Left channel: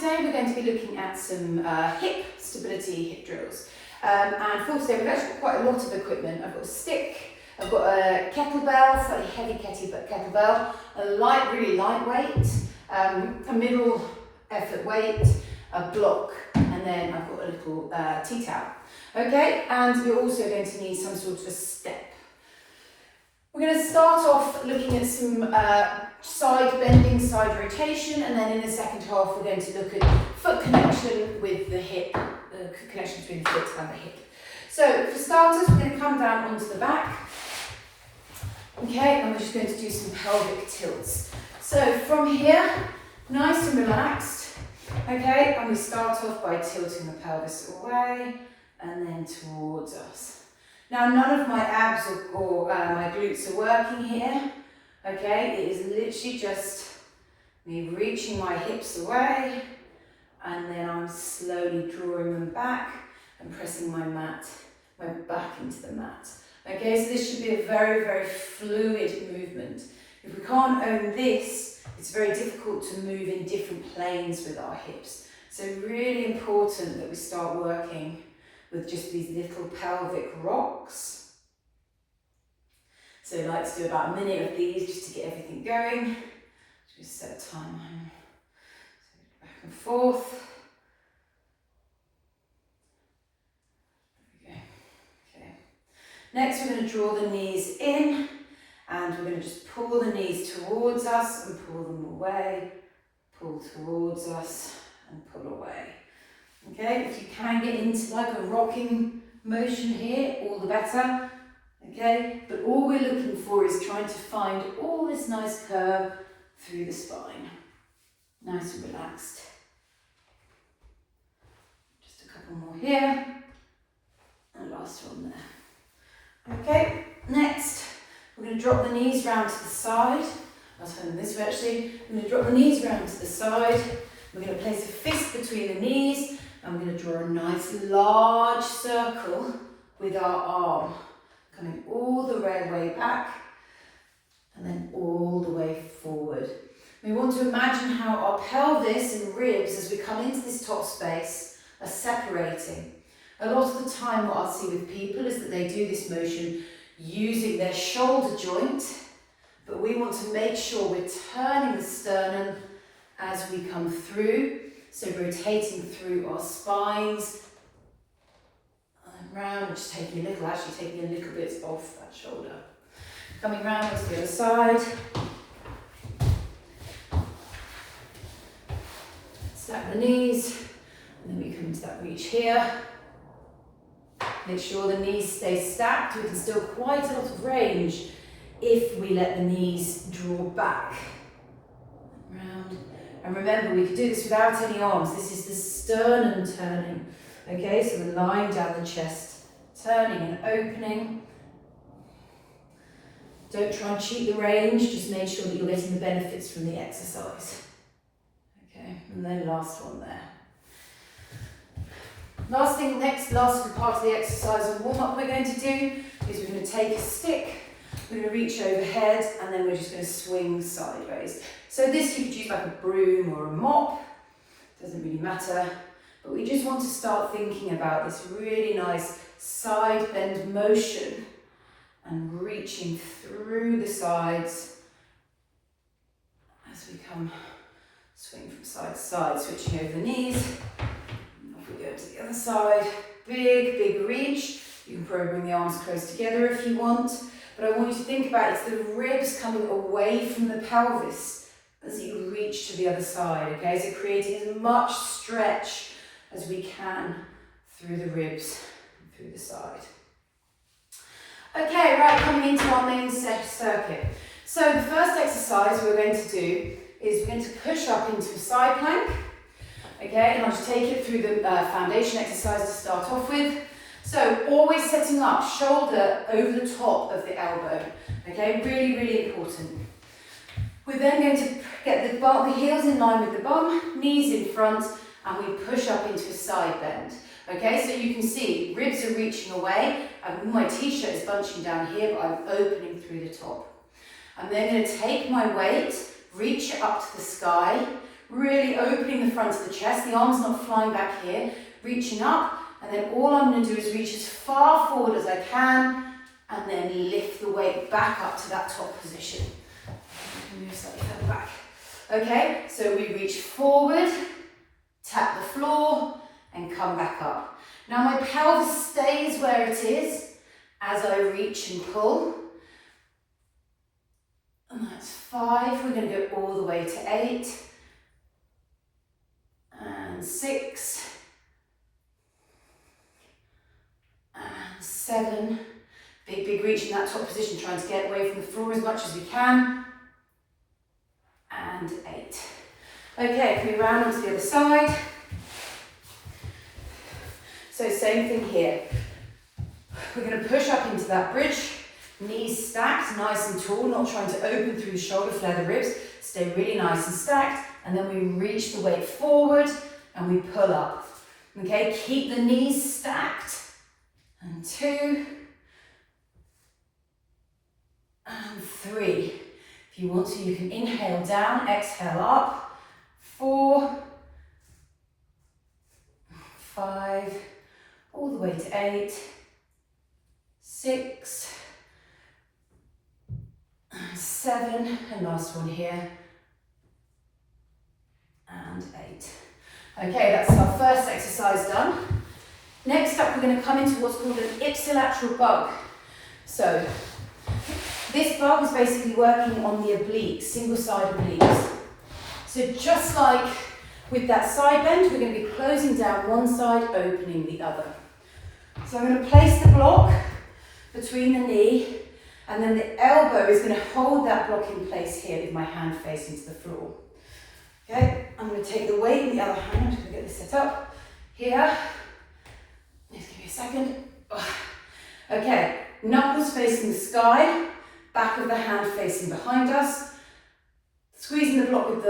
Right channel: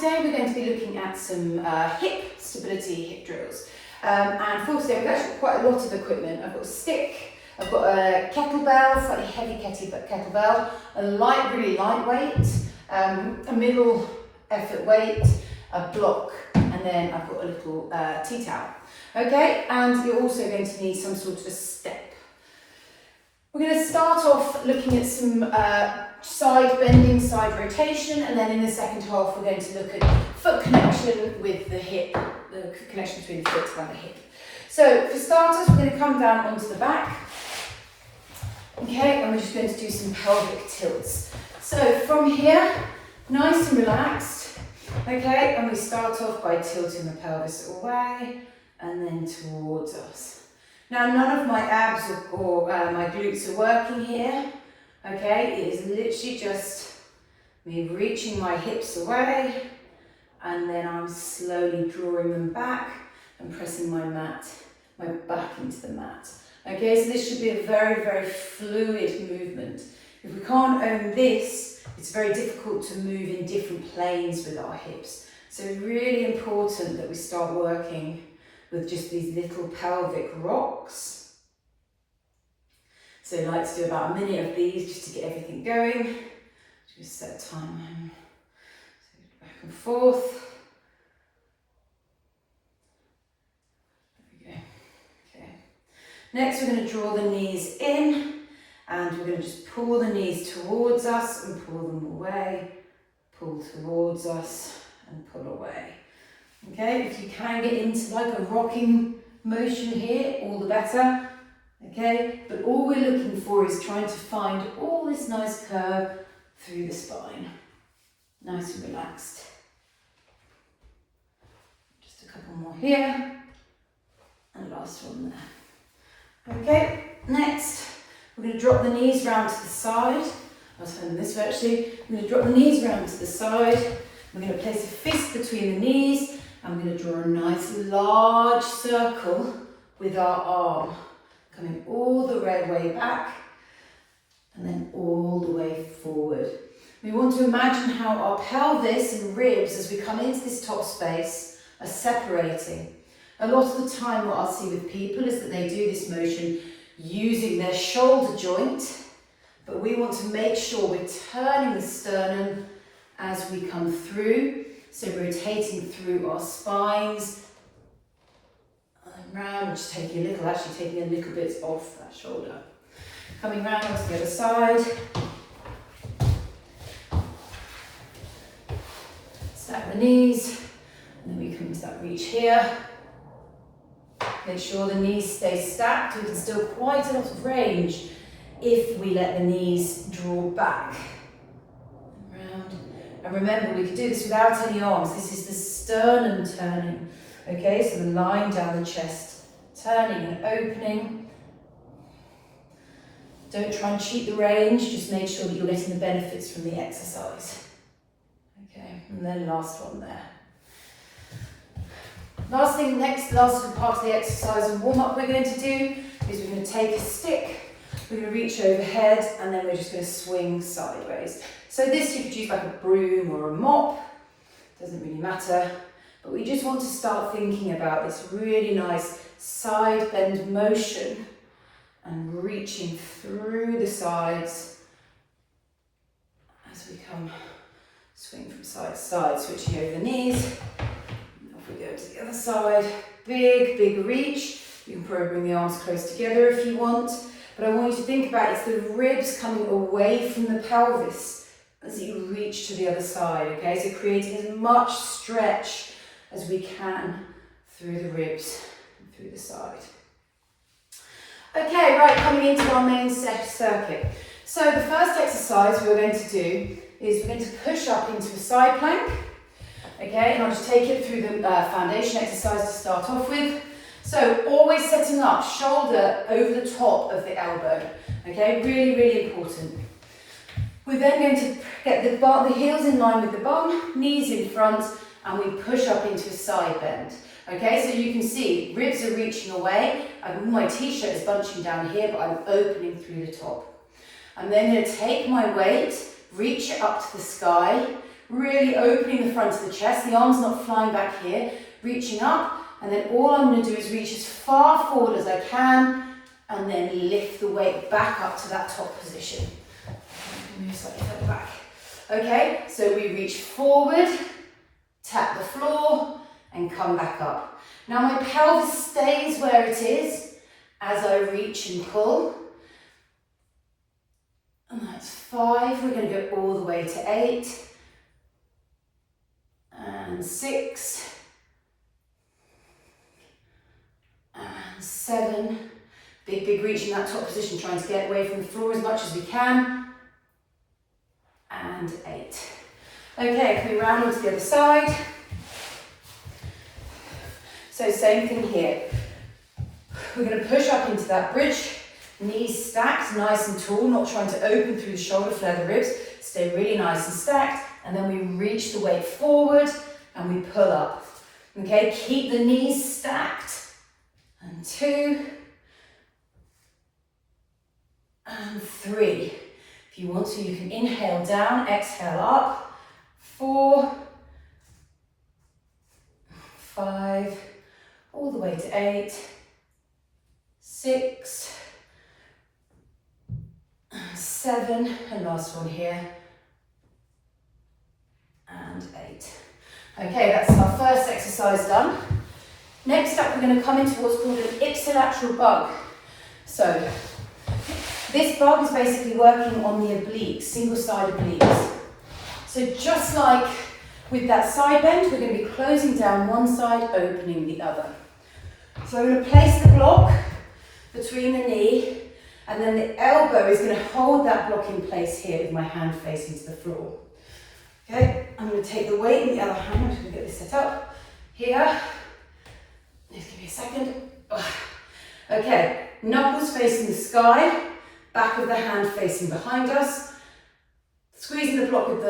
today we're going to be looking at some hip stability hip drills. And for today we've actually got quite a lot of equipment. I've got a stick, I've got a kettlebell, slightly heavy kettlebell, a really lightweight, a middle effort weight, a block, and then I've got a little tea towel. Okay, and you're also going to need some sort of a step. We're going to start off looking at some side bending, side rotation, and then in the second half we're going to look at foot connection with the hip, the connection between the foot and the hip. So for starters, we're going to come down onto the back, okay, and we're just going to do some pelvic tilts. So from here, nice and relaxed, okay, and we start off by tilting the pelvis away and then towards us. Now, none of my abs or my glutes are working here, okay? It is literally just me reaching my hips away, and then I'm slowly drawing them back and pressing my back into the mat. Okay, so this should be a very, very fluid movement. If we can't own this, it's very difficult to move in different planes with our hips. So really important that we start working with just these little pelvic rocks. So I like to do about a minute of these just to get everything going. Just set a time. So back and forth. There we go. Okay. Next we're going to draw the knees in, and we're going to just pull the knees towards us and pull them away. Pull towards us and pull away. Okay, if you can get into like a rocking motion here, all the better. Okay, but all we're looking for is trying to find all this nice curve through the spine. Nice and relaxed. Just a couple more here. And last one there. Okay, next we're going to drop the knees round to the side. I'll turn this way actually. I'm going to drop the knees round to the side. We're going to place a fist between the knees. I'm going to draw a nice large circle with our arm, coming all the way back and then all the way forward. We want to imagine how our pelvis and ribs, as we come into this top space, are separating. A lot of the time what I'll see with people is that they do this motion using their shoulder joint, but we want to make sure we're turning the sternum as we come through. So rotating through our spines and round, just taking a little bit off that shoulder. Coming round to the other side. Stack the knees, and then we come into that reach here. Make sure the knees stay stacked. We can still quite a lot of range if we let the knees draw back. And remember, we can do this without any arms. This is the sternum turning. Okay, so the line down the chest, turning and opening. Don't try and cheat the range, just make sure that you're getting the benefits from the exercise. Okay, and then last one there. Last part of the exercise and warm up we're going to do is we're going to take a stick, we're going to reach overhead, and then we're just going to swing sideways. So this you could use like a broom or a mop, doesn't really matter, but we just want to start thinking about this really nice side bend motion and reaching through the sides as we come, swing from side to side, switching over the knees. Off we go to the other side, big reach. You can probably bring the arms close together if you want, but I want you to think about it's the ribs coming away from the pelvis as you reach to the other side, okay? So creating as much stretch as we can through the ribs and through the side. Okay, right, coming into our main circuit. So the first exercise we're going to do is we're going to push up into a side plank, okay? And I'll just take it through the foundation exercise to start off with. So always setting up shoulder over the top of the elbow, okay? Really important. We're then going to get the heels in line with the bum, knees in front, and we push up into a side bend. Okay, so you can see ribs are reaching away. My t-shirt is bunching down here, but I'm opening through the top. I'm then going to take my weight, reach it up to the sky, really opening the front of the chest, the arms not flying back here, reaching up, and then all I'm going to do is reach as far forward as I can, and then lift the weight back up to that top position. Move slightly further back. Okay, so we reach forward, tap the floor, and come back up. Now my pelvis stays where it is as I reach and pull. And that's 5. We're going to go all the way to 8. And 6. And 7. Big reach in that top position, trying to get away from the floor as much as we can. And 8. Okay, can we round onto the other side? So same thing here. We're going to push up into that bridge, knees stacked, nice and tall, not trying to open through the shoulder, flare the ribs, stay really nice and stacked, and then we reach the weight forward and we pull up. Okay, keep the knees stacked, and 2, and 3. If you want to, you can inhale down, exhale up, 4, 5, all the way to 8, 6, and 7, and last one here, and 8. Okay, that's our first exercise done. Next up, we're going to come into what's called an ipsilateral bug. So, this bug is basically working on the obliques, single-side obliques. So just like with that side bend, we're going to be closing down one side, opening the other. So I'm going to place the block between the knee, and then the elbow is going to hold that block in place here with my hand facing to the floor. Okay, I'm going to take the weight in the other hand. I'm just going to get this set up here. Just give me a second. Okay, knuckles facing the sky, back of the hand facing behind us. Squeezing the block with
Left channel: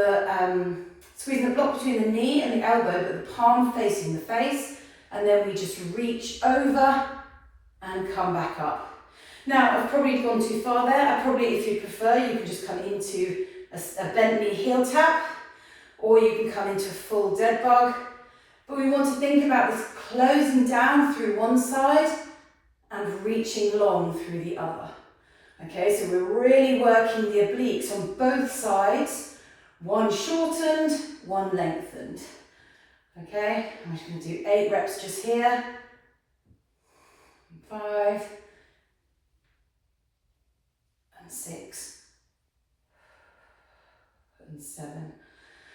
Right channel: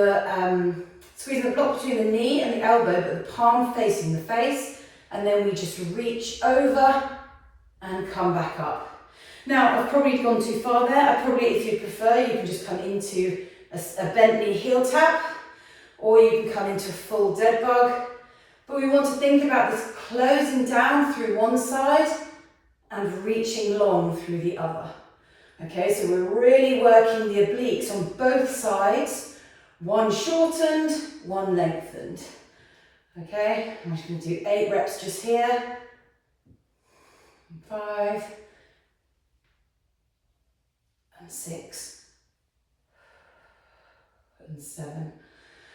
squeezing the block between the knee and the elbow, but the palm facing the face, and then we just reach over and come back up. Now, I've probably gone too far there. If you prefer, you can just come into a bent knee heel tap, or you can come into a full dead bug. But we want to think about this closing down through one side and reaching long through the other. Okay, so we're really working the obliques on both sides, one shortened, one lengthened. Okay, I'm just going to do 8 reps just here, 5, and 6, and 7.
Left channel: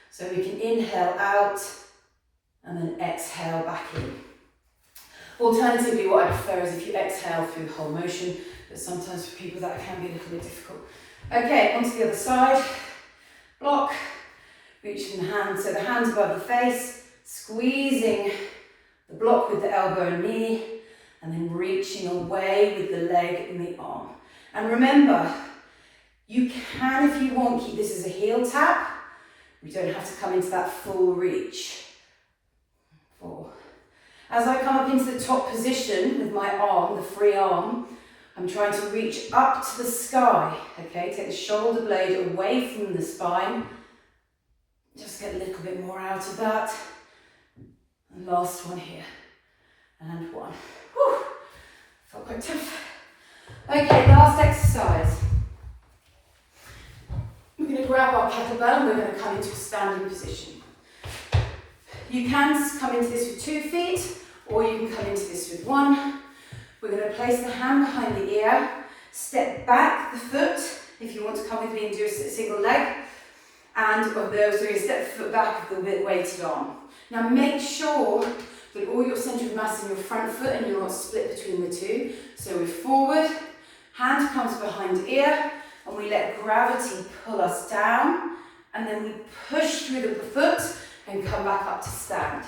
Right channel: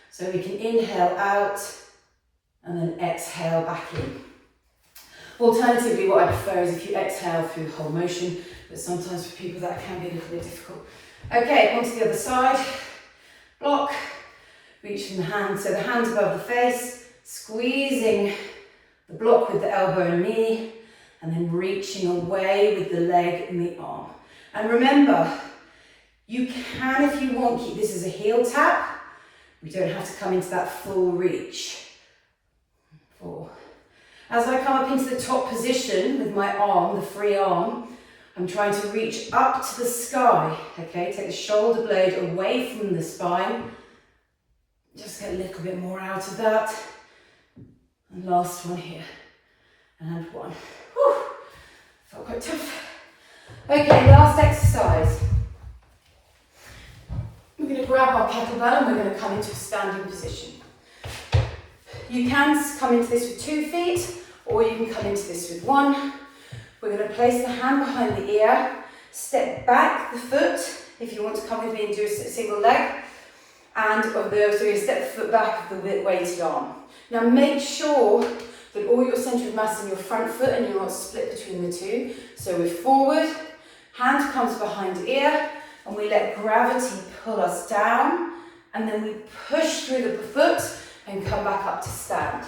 So we can inhale out and then exhale back in. Alternatively, what I prefer is if you exhale through the whole motion, but sometimes for people that can be a little bit difficult. Okay, onto the other side. Block, reaching the hand, so the hands above the face, squeezing the block with the elbow and knee, and then reaching away with the leg and the arm. And remember, you can, if you want, keep this as a heel tap. We don't have to come into that full reach. 4. As I come up into the top position with my arm, the free arm, I'm trying to reach up to the sky, okay? Take the shoulder blade away from the spine. Just get a little bit more out of that. And last one here. And 1. Whew. Felt quite tough. Okay, last exercise. We're going to grab our kettlebell and we're going to come into a standing position. You can come into this with 2 feet, or you can come into this with 1. We're going to place the hand behind the ear, step back the foot, if you want to come with me and do a single leg, and so you step the foot back of the weighted arm. Now make sure that all your centre of mass in your front foot and you're not split between the two. So we're forward, hand comes behind ear, and we let gravity pull us down, and then we push through the foot and come back up to stand.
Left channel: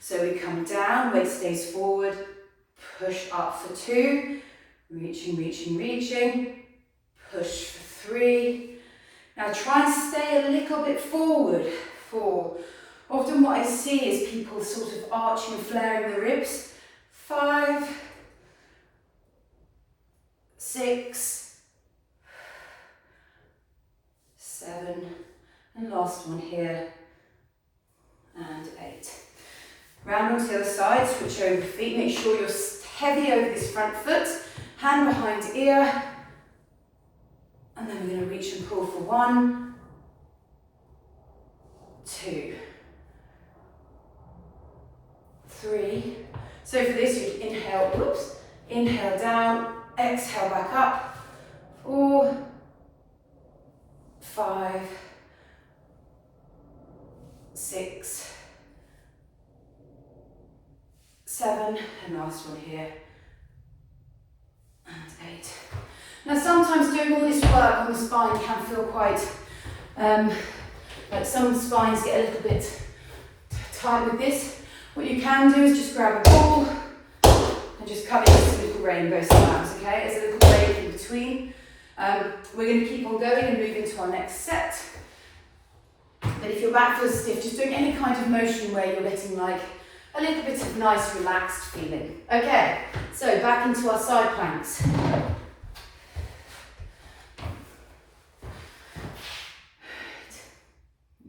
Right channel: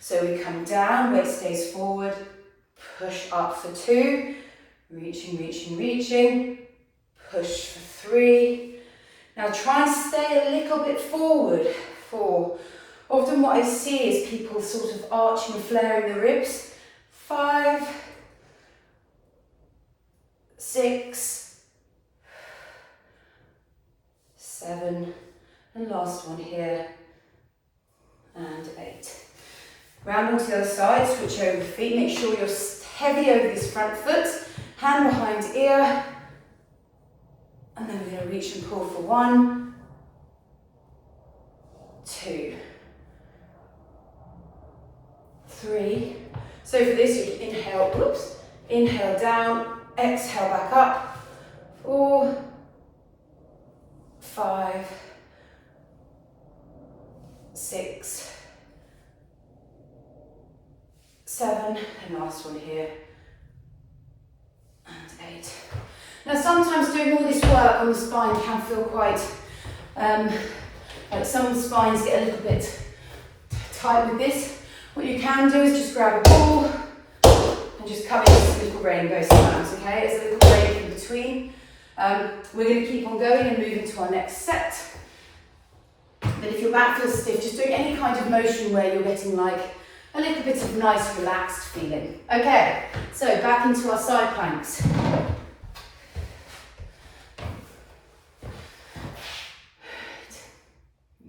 So we come down, weight stays forward, push up for 2, reaching, reaching, reaching, push for 3. Now try and stay a little bit forward, 4. Often what I see is people sort of arching and flaring the ribs. 5, 6, 7, and last one here, Round onto the other side, switch over the feet. Make sure you're heavy over this front foot, hand behind ear. And then we're going to reach and pull for 1, 2, 3. So for this, you inhale, whoops, inhale down, exhale back up. 4, 5, 6, 7, and last one here, and 8. Now sometimes doing all this work on the spine can feel quite, like some spines get a little bit tight with this. What you can do is just grab a ball and just come into this little rainbow sometimes, okay? There's a little break in between. We're going to keep on going and moving to our next set. But if your back feels stiff, just doing any kind of motion where you're getting like a little bit of nice relaxed feeling. Okay, so back into our side planks.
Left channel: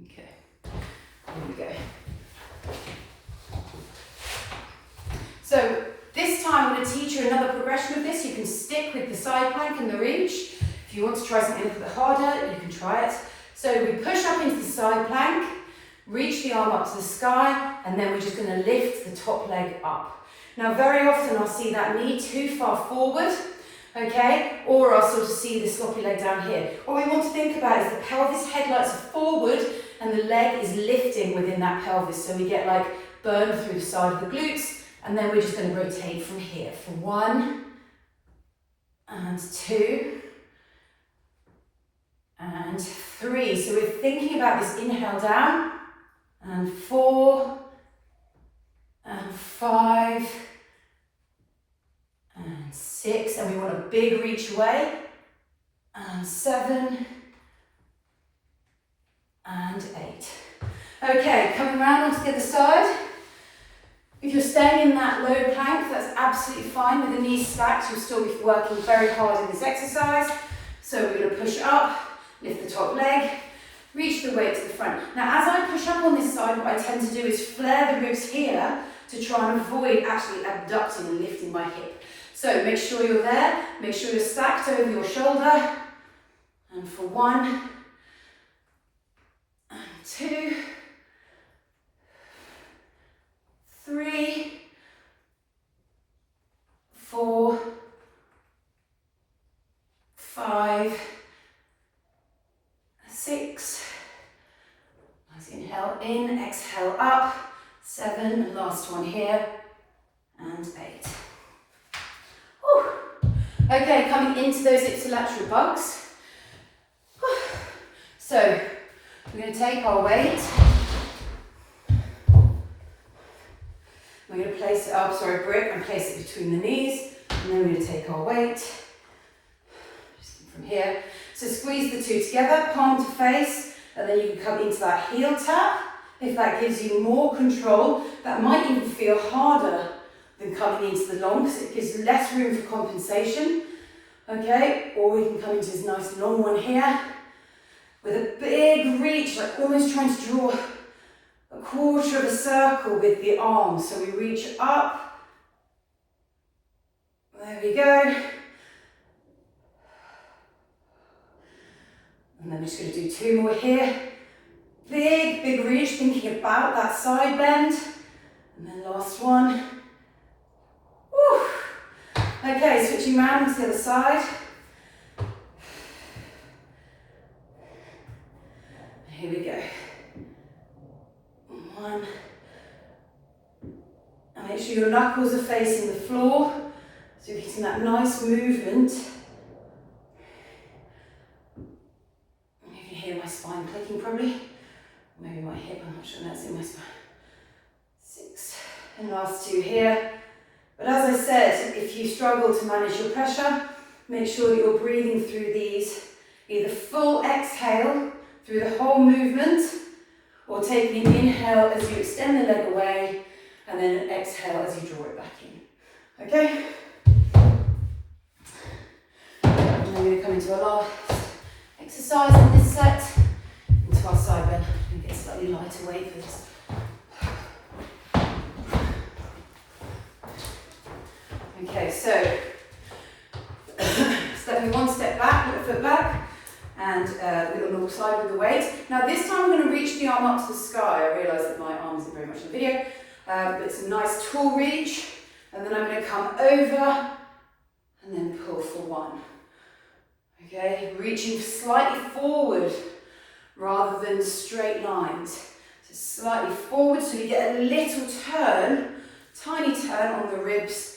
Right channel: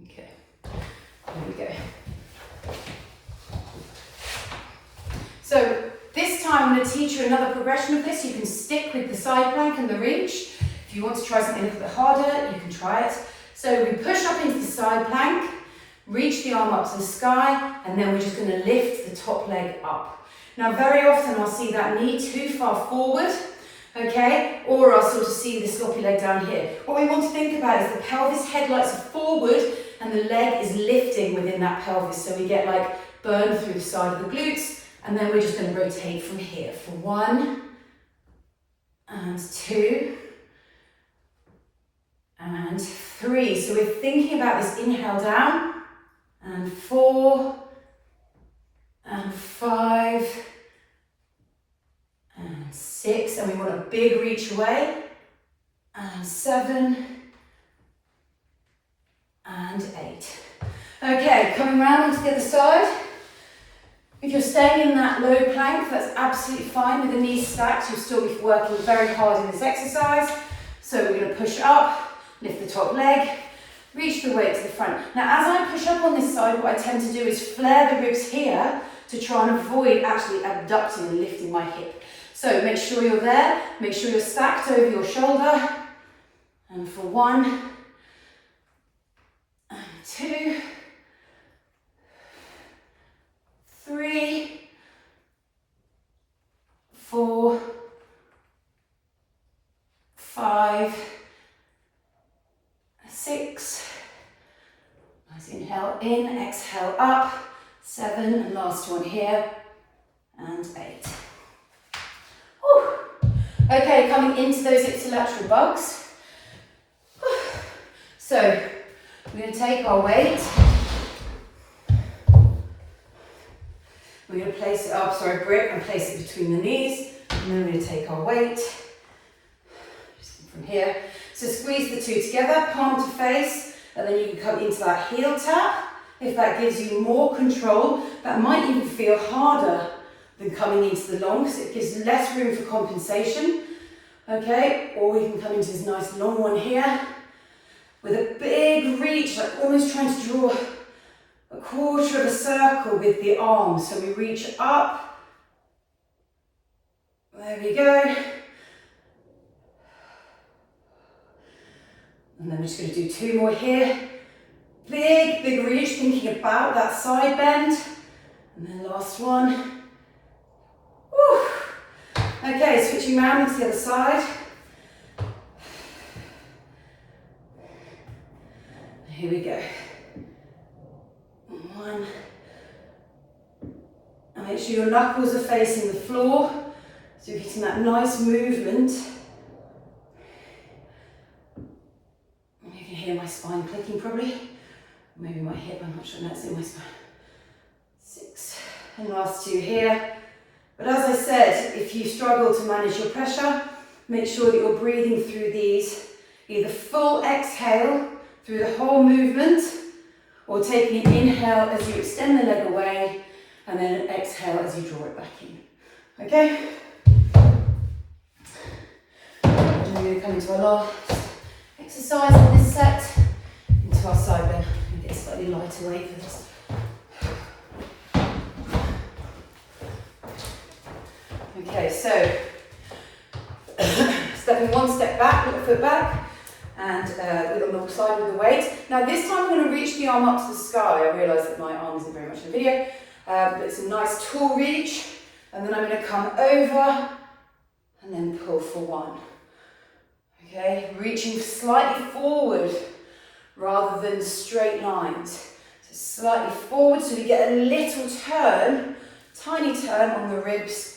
Okay, here we go. So this time I'm going to teach you another progression of this. You can stick with the side plank and the reach. If you want to try something a little bit harder, you can try it. So we push up into the side plank, reach the arm up to the sky, and then we're just going to lift the top leg up. Now very often I'll see that knee too far forward, okay, or I'll sort of see the sloppy leg down here. What we want to think about is the pelvis headlights are forward and the leg is lifting within that pelvis, so we get like burn through the side of the glutes, and then we're just going to rotate from here for 1 and 2 and 3. So we're thinking about this inhale down, and 4 and 5 and 6, and we want a big reach away, and 7 and 8. Okay, coming round onto the other side. If you're staying in that low plank, that's absolutely fine. With the knees stacked, you'll still be working very hard in this exercise. So we're going to push up, lift the top leg, reach the weight to the front. Now, as I push up on this side, what I tend to do is flare the ribs here to try and avoid actually abducting and lifting my hip. So make sure you're there, make sure you're stacked over your shoulder. And for 1 and 2, 3, 4, 5, 6. Nice inhale in, exhale up. 7, and last one here, and 8. Whew. Okay, coming into those ipsilateral bugs. Whew. So we're going to take our weight. We're going to place it up, sorry, brick, and place it between the knees. And then we're going to take our weight just from here. So squeeze the two together, palm to face, and then you can come into that heel tap. If that gives you more control, that might even feel harder than coming into the long, because it gives less room for compensation. Okay, or we can come into this nice long one here with a big reach, like almost trying to draw a quarter of a circle with the arms. So we reach up. There we go. And then we're just going to do 2 more here. Big, big reach, thinking about that side bend. And then last one. Woo. Okay, switching around to the other side. Here we go. 1. And make sure your knuckles are facing the floor, so you're getting that nice movement. You can hear my spine clicking probably. Maybe my hip, I'm not sure that's in my spine. 6. And last 2 here. But as I said, if you struggle to manage your pressure, make sure that you're breathing through these, either full exhale through the whole movement, or taking an inhale as you extend the leg away, and then an exhale as you draw it back in. Okay? And we're going to come into our last exercise in this set, into our side bend. I'm going to get slightly lighter weight for this. Okay, so stepping one step back, put a foot back, and on the side with the weight. Now this time I'm going to reach the arm up to the sky. I realise that my arm isn't very much in the video, but it's a nice tall reach. And then I'm going to come over and then pull for one. Okay, reaching slightly forward rather than straight lines. So slightly forward so we get a little turn, tiny turn on the ribs.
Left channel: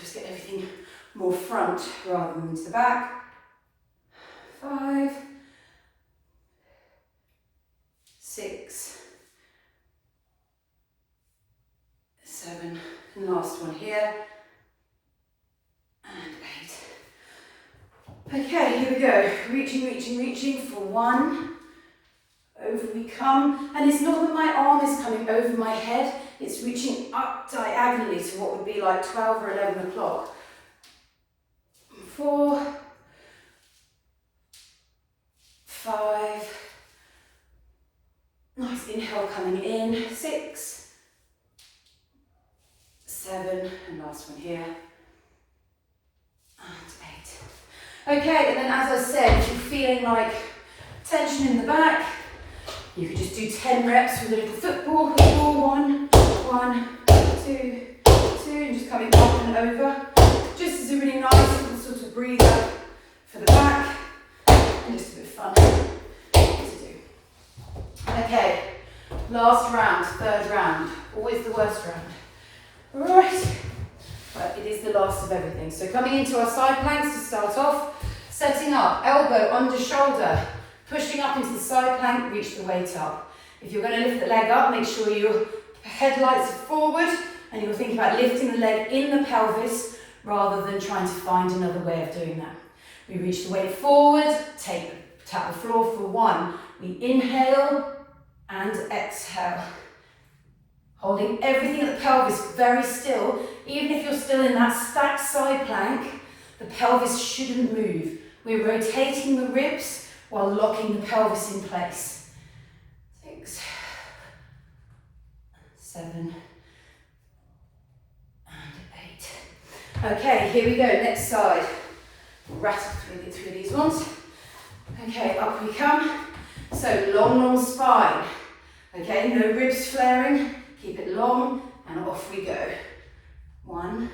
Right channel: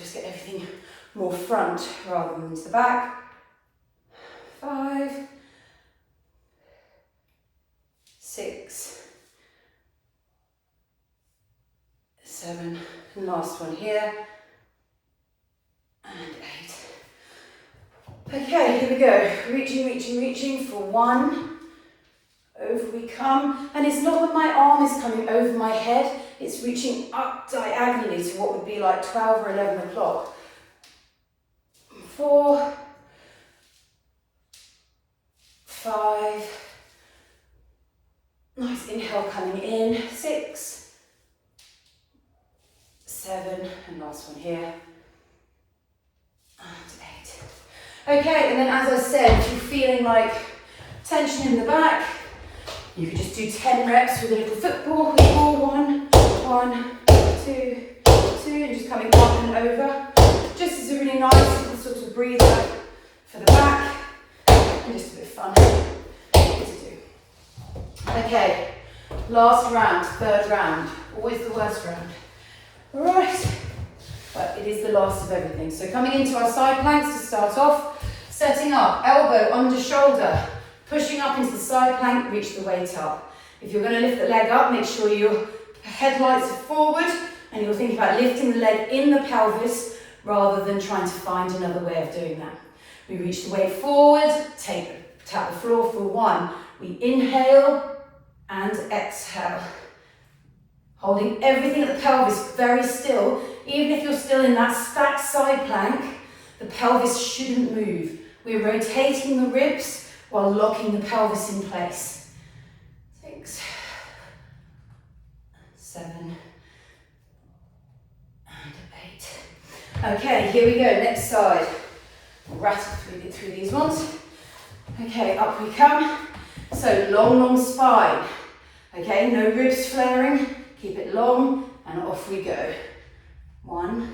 Just get everything more front rather than to the back. 5, 6, 7, and last one here, and 8. Okay, here we go. Reaching, reaching, reaching for one. Over we come. And it's not that my arm is coming over my head, it's reaching up diagonally to what would be like 12 or 11 o'clock. 4, 5. Nice inhale coming in. 6, 7, and last one here, and 8. Okay, and then as I said, if you're feeling like tension in the back, you could just do 10 reps with a little football. 1, 1, 2, 2, and just coming up and over. Just as a really nice sort of breather for the back, and just a bit of fun to do. Okay, last round, third round, always the worst round. Right, but it is the last of everything. So coming into our side planks to start off, setting up, elbow under shoulder, pushing up into the side plank, reach the weight up. If you're going to lift the leg up, make sure your head lights are forward and you're thinking about lifting the leg in the pelvis rather than trying to find another way of doing that. We reach the weight forward, tap the floor for 1. We inhale and exhale. Holding everything at the pelvis very still. Even if you're still in that stacked side plank, the pelvis shouldn't move. We're rotating the ribs while locking the pelvis in place. 6, 7, and 8. Okay, here we go, next side. Rattle through these ones. Okay, up we come. So long spine. Okay, no ribs flaring. Keep it long, and off we go. 1,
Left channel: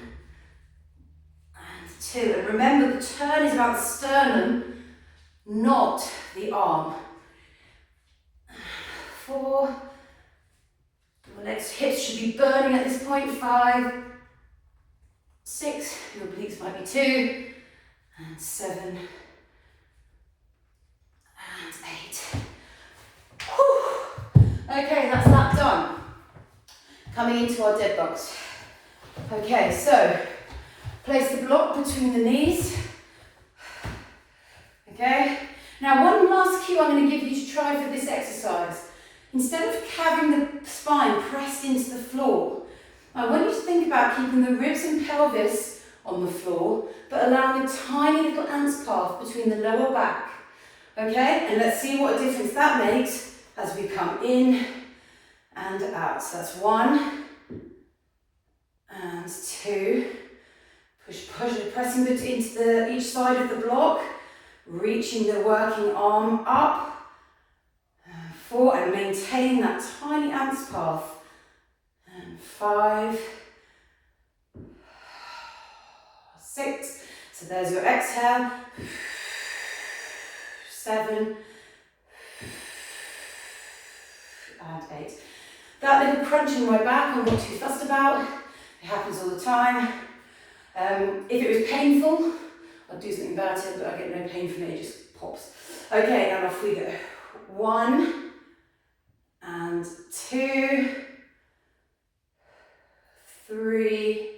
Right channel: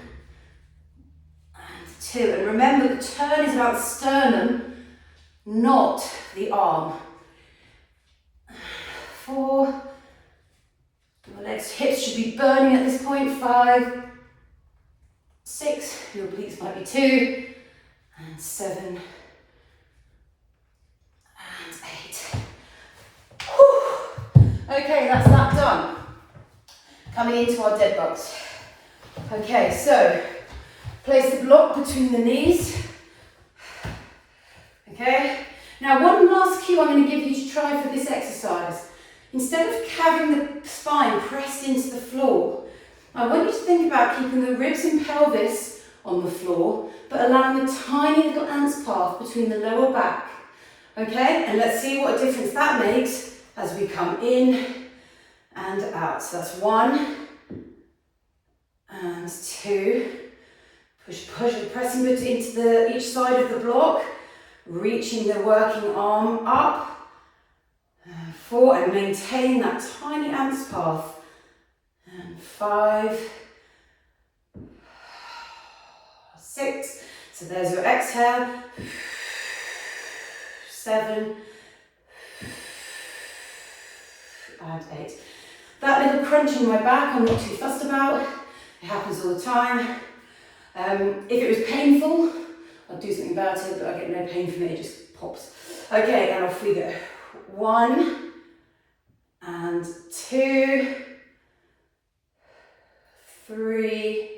and 2. And remember, the turn is about sternum, not the arm. 4. The legs, hips should be burning at this point. 5, 6. Your obliques might be 2, and 7, and 8. Whew. Okay, that's that done. Coming into our dead bugs. Okay, so place the block between the knees. Okay, now one last cue I'm going to give you to try for this exercise. Instead of having the spine pressed into the floor, I want you to think about keeping the ribs and pelvis on the floor, but allowing a tiny little ants path between the lower back. Okay, and let's see what a difference that makes as we come in and out. So that's 1 and 2. Push, pressing into each side of the block, reaching the working arm up. 4, and maintain that tiny ants path. And 5, 6. So there's your exhale. 7, and 8. That little crunch in my back, I'm not too fussed about. It happens all the time. If it was painful, I'd do something about it, but I get no pain from it, it just pops. Okay, and off we go. 1, and 2, 3,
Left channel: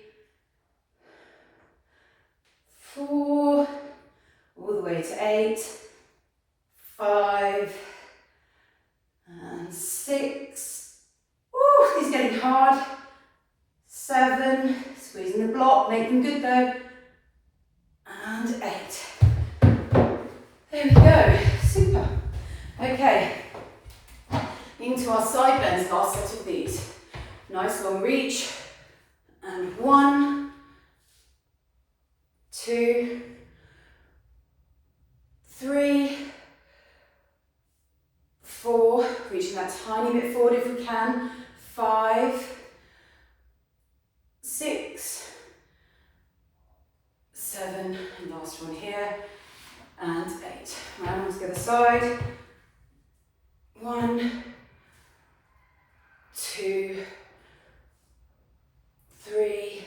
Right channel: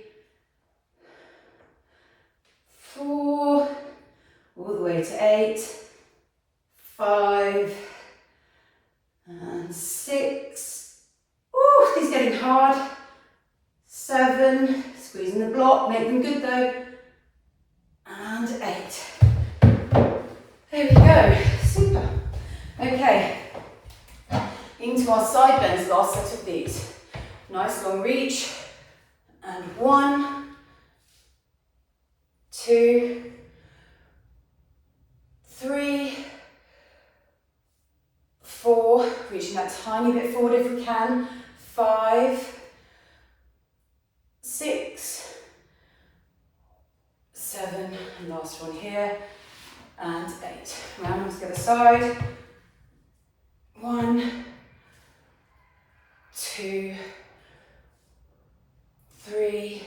4, all the way to 8, 5, and 6. Ooh, these are getting hard. 7, squeezing the block, make them good though. And 8. There we go, super. Okay, into our side bends, last set of these. Nice long reach, And 1, 2, 3, 4, reaching that tiny bit forward if we can, 5, 6, 7, and last one here, and 8. Round to the other side. 1, 2, 3,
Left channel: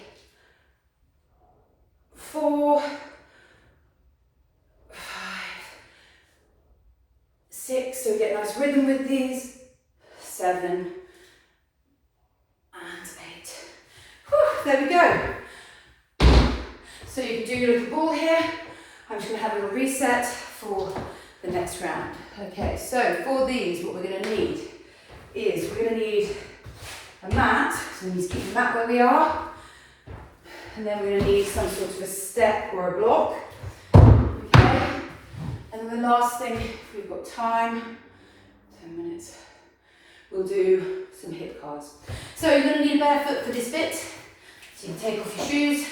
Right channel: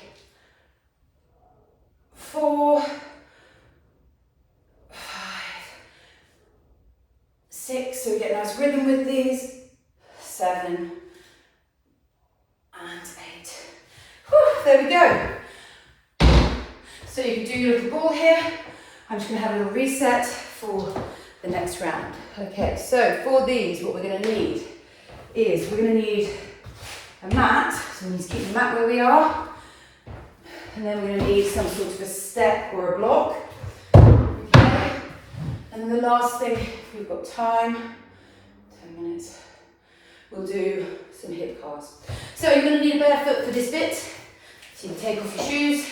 4, 5, 6, so we get a nice rhythm with these, 7, and 8. Whew, there we go. So you can do your little ball here. I'm just going to have a little reset for the next round. Okay, so for these, what we're going to need is we're going to need a mat, so we need to keep the mat where we are, and then we're going to need some sort of a step or a block. Okay, and then the last thing, if we've got time, 10 minutes, we'll do some hip cards. So you're going to need a bare foot for this bit, so you can take off your shoes.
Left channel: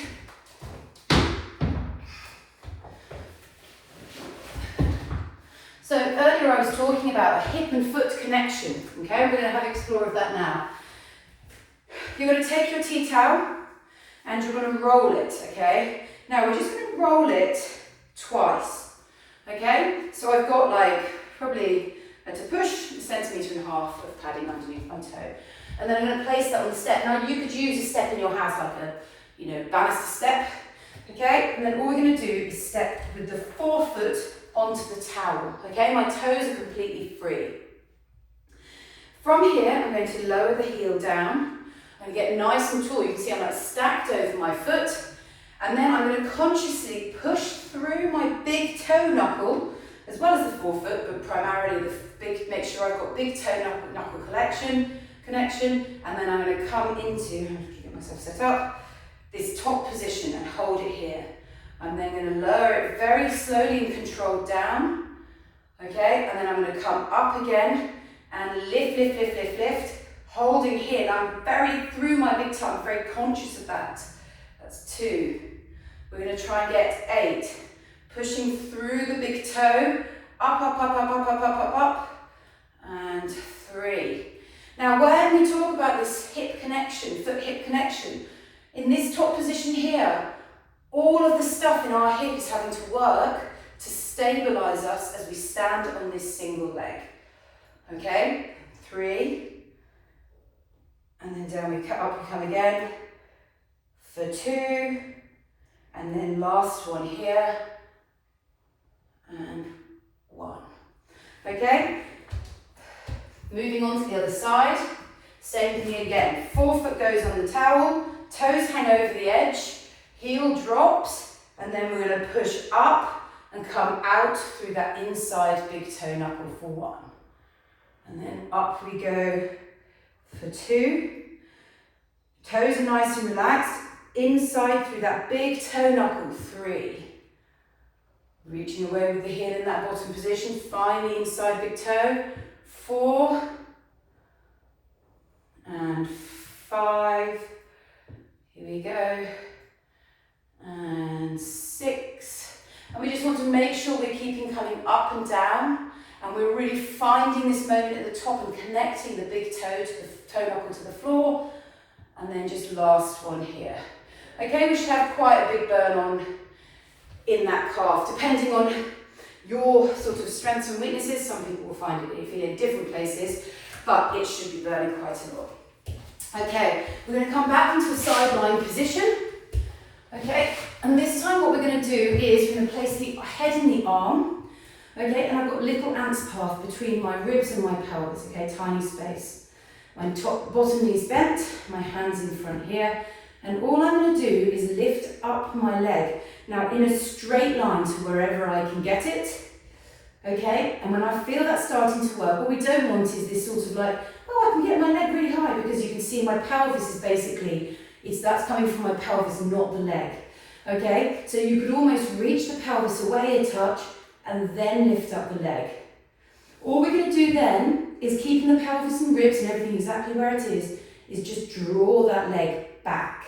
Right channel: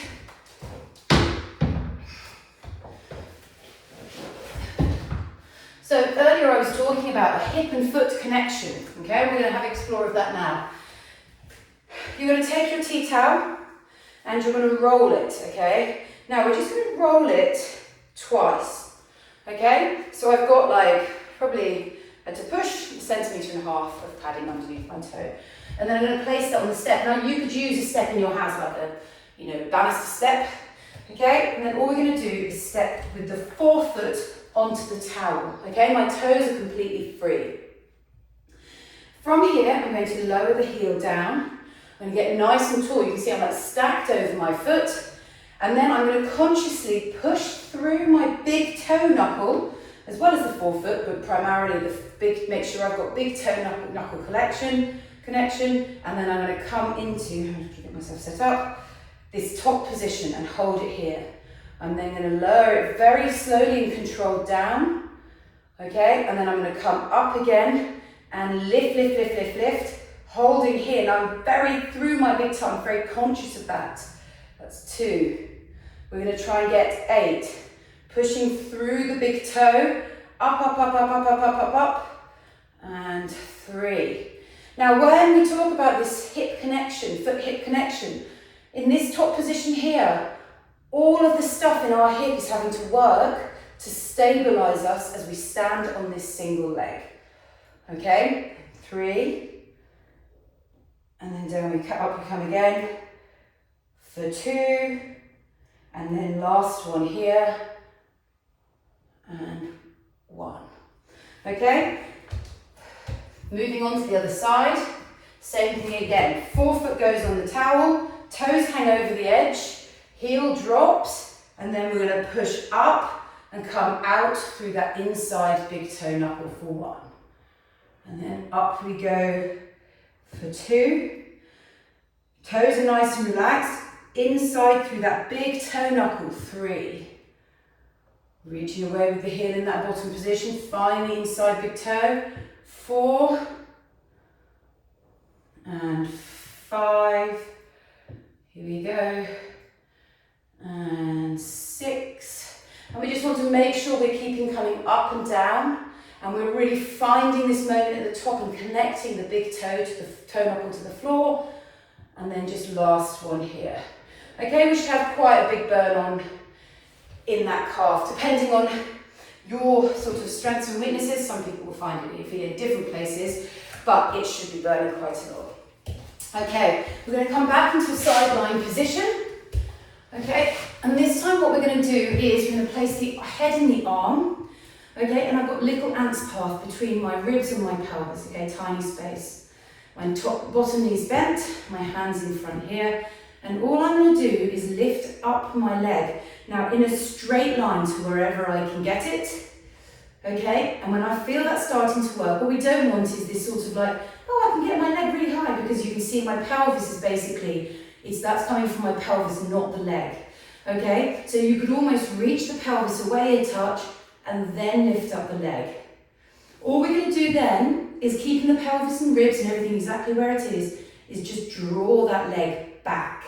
So earlier I was talking about a hip and foot connection, okay? We're going to have an explore of that now. You're going to take your tea towel and you're going to roll it, okay? Now we're just going to roll it twice, okay? So I've got like probably to push 1.5 centimeters of padding underneath my toe. And then I'm going to place it on the step. Now you could use a step in your house like a, banister step, okay? And then all we're going to do is step with the forefoot onto the towel, okay? My toes are completely free. From here, I'm going to lower the heel down. I'm going to get nice and tall. You can see I'm like stacked over my foot. And then I'm going to consciously push through my big toe knuckle, as well as the forefoot, but primarily make sure I've got big toe knuckle connection. And then I'm going to come into, I'm going to get myself set up, this top position and hold it here. I'm then going to lower it very slowly and controlled down, okay? And then I'm going to come up again and lift, holding here. Now I'm very through my big toe, I'm very conscious of that. That's 2. We're going to try and get 8. Pushing through the big toe, up, and 3. Now when we talk about this hip connection, foot-hip connection, in this top position here, all of the stuff in our hip is having to work to stabilize us as we stand on this single leg. Okay, 3, and then down we cut up, we come again for 2, and then last one here, and 1. Okay, moving on to the other side, same thing again. Forefoot goes on the towel, toes hang over the edge, heel drops, and then we're going to push up and come out through that inside big toe knuckle for 1. And then up we go for 2. Toes are nice and relaxed. Inside through that big toe knuckle, 3. Reaching away with the heel in that bottom position. Find the inside big toe, 4. And 5. Here we go. And 6, and we just want to make sure we're keeping coming up and down, and we're really finding this moment at the top and connecting the big toe to the toe knuckle to the floor, and then just last one here. Okay, we should have quite a big burn on in that calf, depending on your sort of strengths and weaknesses. Some people will find it iffy in different places, but it should be burning quite a lot. Okay, we're going to come back into a sideline position. Okay, and this time what we're going to do is we're going to place the head in the arm, okay, and I've got little ant's path between my ribs and my pelvis, okay, tiny space. My bottom knee's bent, my hands in front here, and all I'm going to do is lift up my leg, now in a straight line to wherever I can get it, okay, and when I feel that starting to work, what we don't want is this sort of like, oh, I can get my leg really high, because you can see my pelvis is basically, that's coming from my pelvis, not the leg, okay? So you could almost reach the pelvis away a touch and then lift up the leg. All we're going to do then is keeping the pelvis and ribs and everything exactly where it is just draw that leg back,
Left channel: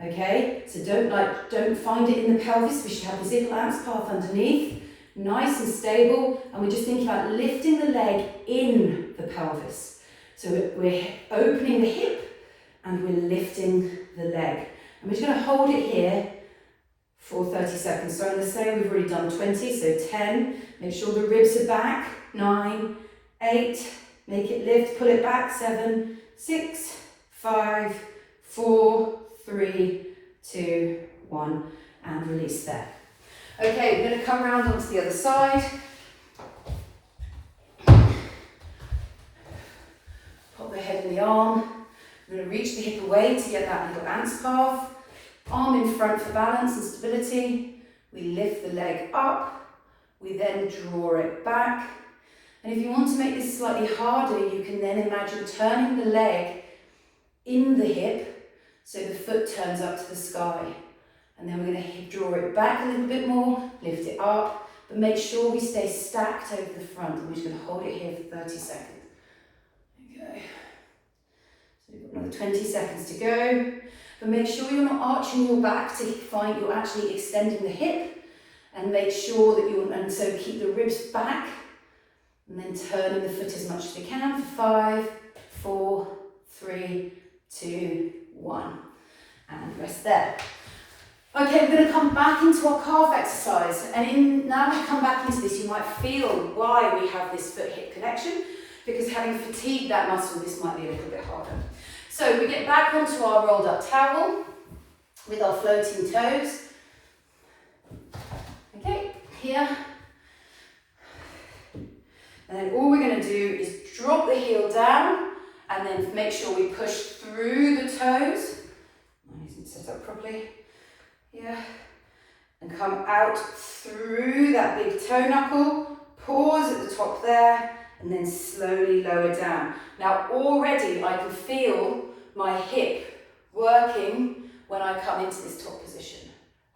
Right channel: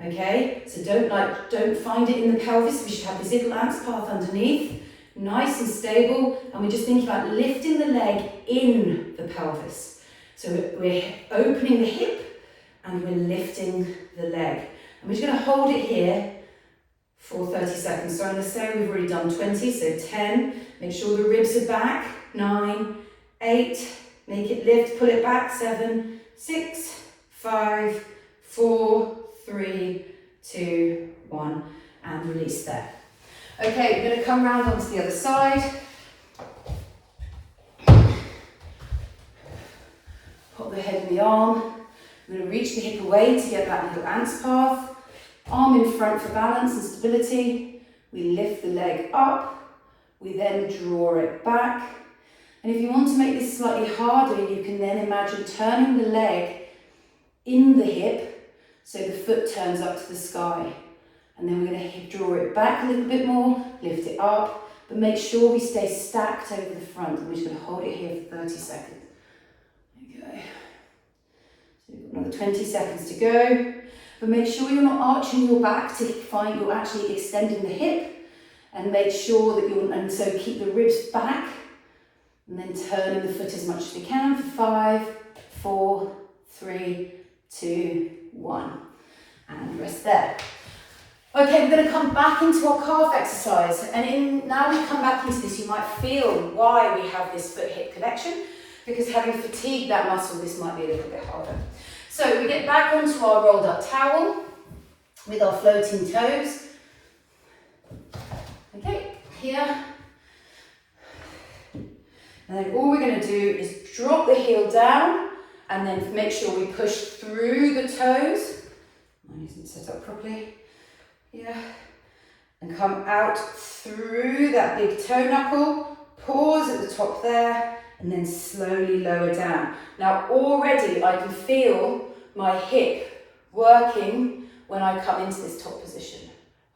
Okay, so don't find it in the pelvis. We should have this little ants path underneath, nice and stable, and we're just thinking about lifting the leg in the pelvis. So we're opening the hip and we're lifting the leg. I'm just going to hold it here for 30 seconds. So I'm going to say we've already done 20, so 10. Make sure the ribs are back. 9, 8. Make it lift. Pull it back. 7, 6, 5, 4, 3, 2, 1, and release there. Okay, we're going to come round onto the other side. Pop the head in the arm. I'm going to reach the hip away to get that little ants path. Arm in front for balance and stability. We lift the leg up. We then draw it back. And if you want to make this slightly harder, you can then imagine turning the leg in the hip so the foot turns up to the sky. And then we're going to draw it back a little bit more, lift it up, but make sure we stay stacked over the front. We're just going to hold it here for 30 seconds. Okay. So we've got another 20 seconds to go. But make sure you're not arching your back to find you're actually extending the hip, and make sure that and so keep the ribs back, and then turn the foot as much as we can for 5, 4, 3, 2, 1, and rest there. Okay, we're going to come back into our calf exercise, and now we come back into this, you might feel why we have this foot-hip connection, because having fatigued that muscle, this might be a little bit harder. So we get back onto our rolled up towel with our floating toes. Okay, here. And then all we're going to do is drop the heel down and then make sure we push through the toes. Mine isn't set up properly. Yeah. And come out through that big toe knuckle. Pause at the top there and then slowly lower down. Now already I can feel my hip working when I come into this top position.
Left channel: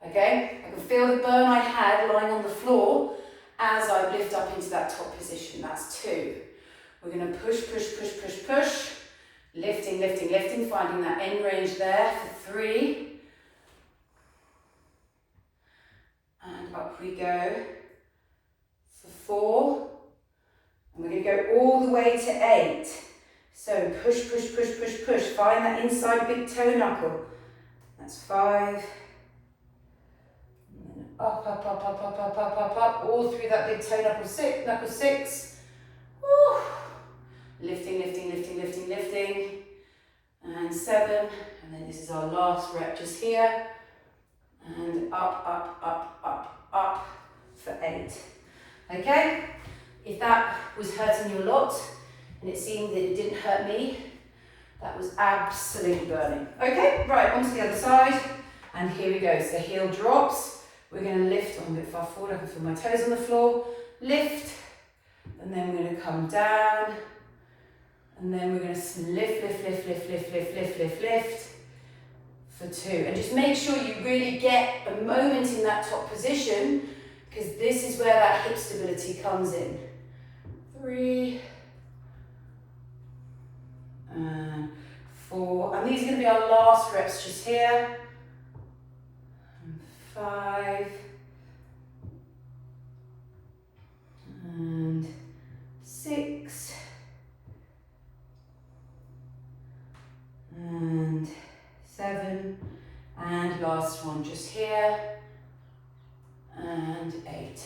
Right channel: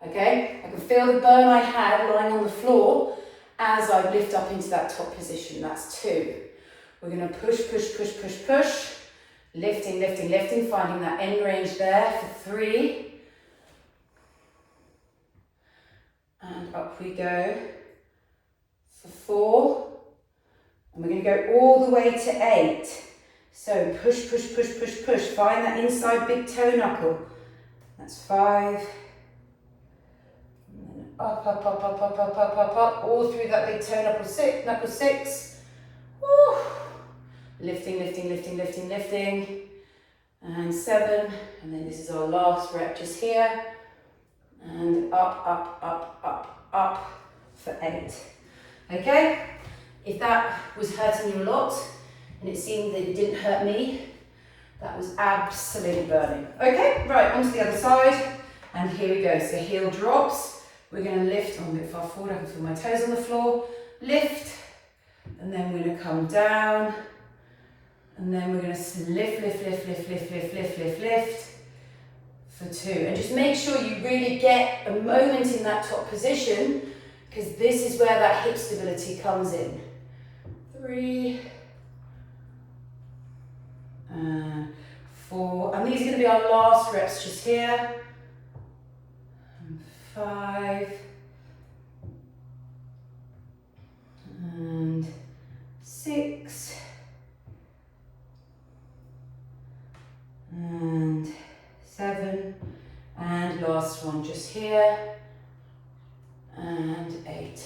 Okay? I can feel the burn I had lying on the floor as I lift up into that top position. That's 2. We're going to push, push, push, push, push. Lifting, lifting, lifting, finding that end range there for 3. And up we go for 4. And we're going to go all the way to 8. So push, push, push, push, push. Find that inside big toe knuckle. That's 5. And then up, up, up, up, up, up, up, up, up. All through that big toe knuckle. Knuckle 6. Woo. Lifting, lifting, lifting, lifting, lifting. And 7. And then this is our last rep just here. And up, up, up, up, up for 8. Okay? If that was hurting you a lot, and it seemed that it didn't hurt me, that was absolutely burning. Okay, right, onto the other side, and here we go. So heel drops, we're going to lift, I'm a bit far forward, I can feel my toes on the floor, lift, and then we're going to come down, and then we're going to lift, lift, lift, lift, lift, lift, lift, lift, lift, for 2. And just make sure you really get a moment in that top position, because this is where that hip stability comes in. 3, and 4, and these are going to be our last reps just here. And 5, and 6, and 7, and last one just here, and 8.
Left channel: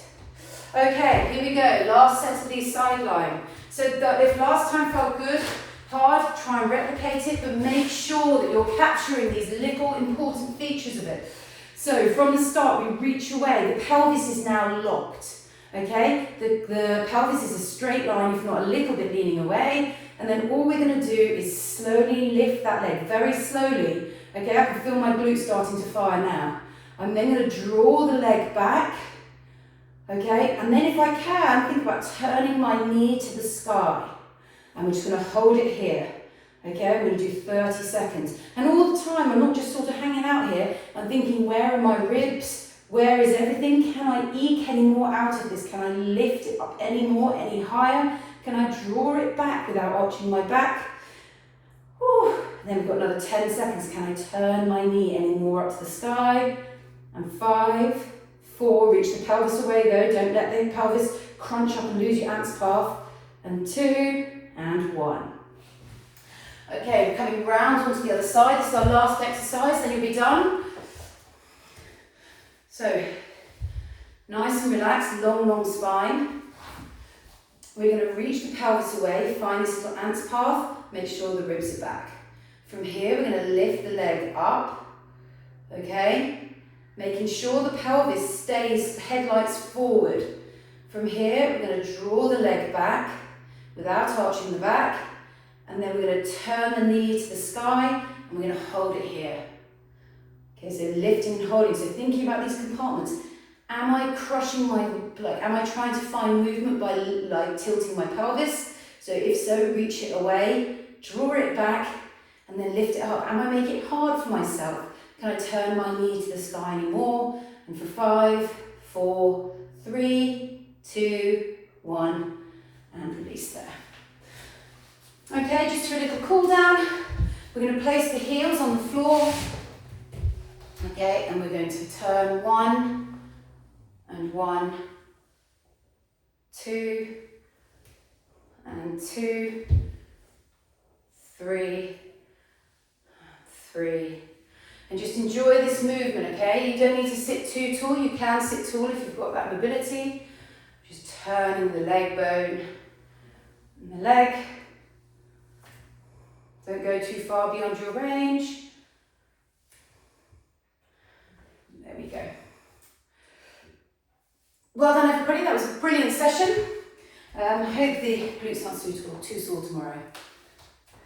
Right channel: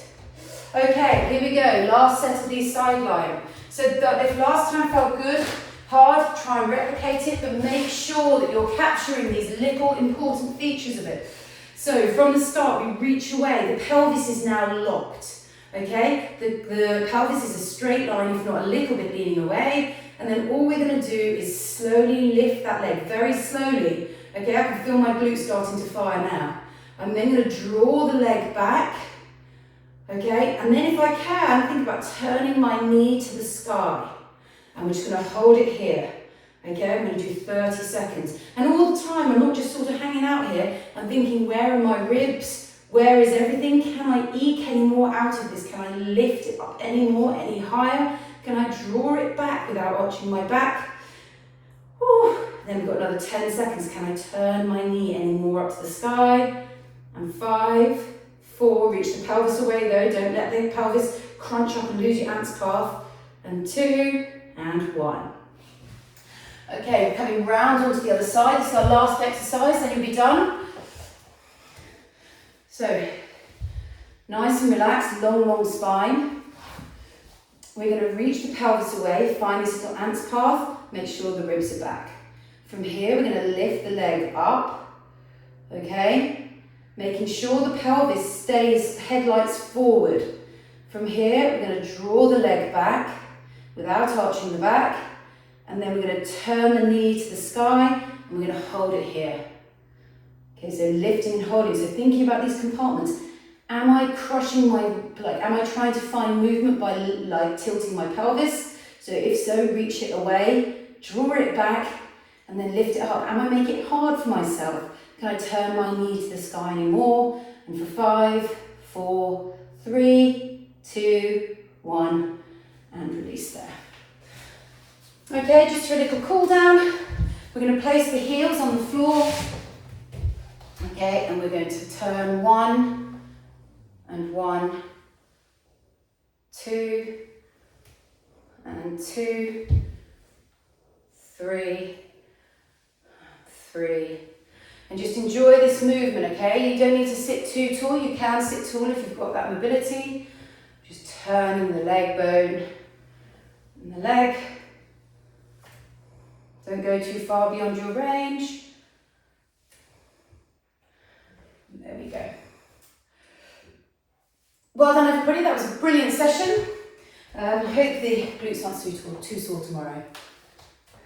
Okay, here we go, last set of these sideline. So if last time felt good, hard, try and replicate it, but make sure that you're capturing these little important features of it. So from the start, we reach away, the pelvis is now locked, okay? The pelvis is a straight line, if not a little bit leaning away, and then all we're gonna do is slowly lift that leg, very slowly, okay? I can feel my glutes starting to fire now. I'm then gonna draw the leg back, okay? And then if I can, think about turning my knee to the sky. I'm just going to hold it here, okay? I'm going to do 30 seconds. And all the time, I'm not just sort of hanging out here. I'm thinking, where are my ribs? Where is everything? Can I eke any more out of this? Can I lift it up any more, any higher? Can I draw it back without arching my back? Whew. And then we've got another 10 seconds. Can I turn my knee any more up to the sky? And 5, 4, reach the pelvis away though. Don't let the pelvis crunch up and lose your ants path. And 2, and 1. Okay, we're coming round onto the other side. This is our last exercise, then you'll be done. So, nice and relaxed, long spine. We're going to reach the pelvis away, find this little ant's path, make sure the ribs are back. From here, we're going to lift the leg up, okay? Making sure the pelvis stays headlights forward. From here, we're going to draw the leg back without arching the back, and then we're going to turn the knee to the sky, and we're going to hold it here. Okay, so lifting and holding. So thinking about these compartments. Am I crushing my, am I trying to find movement by tilting my pelvis? So if so, reach it away, draw it back, and then lift it up. Am I making it hard for myself? Can I turn my knee to the sky anymore? And for 5, 4, 3, 2, 1, and release there. Okay, just for a little cool down, we're going to place the heels on the floor. Okay, and we're going to turn 1 and 1, 2 and 2, 3, 3. And just enjoy this movement, okay? You don't need to sit too tall. You can sit tall if you've got that mobility. Just turning the leg bone and the leg. Don't go too far beyond your range. There we go. Well done, everybody. That was a brilliant session. I hope the glutes aren't too sore tomorrow.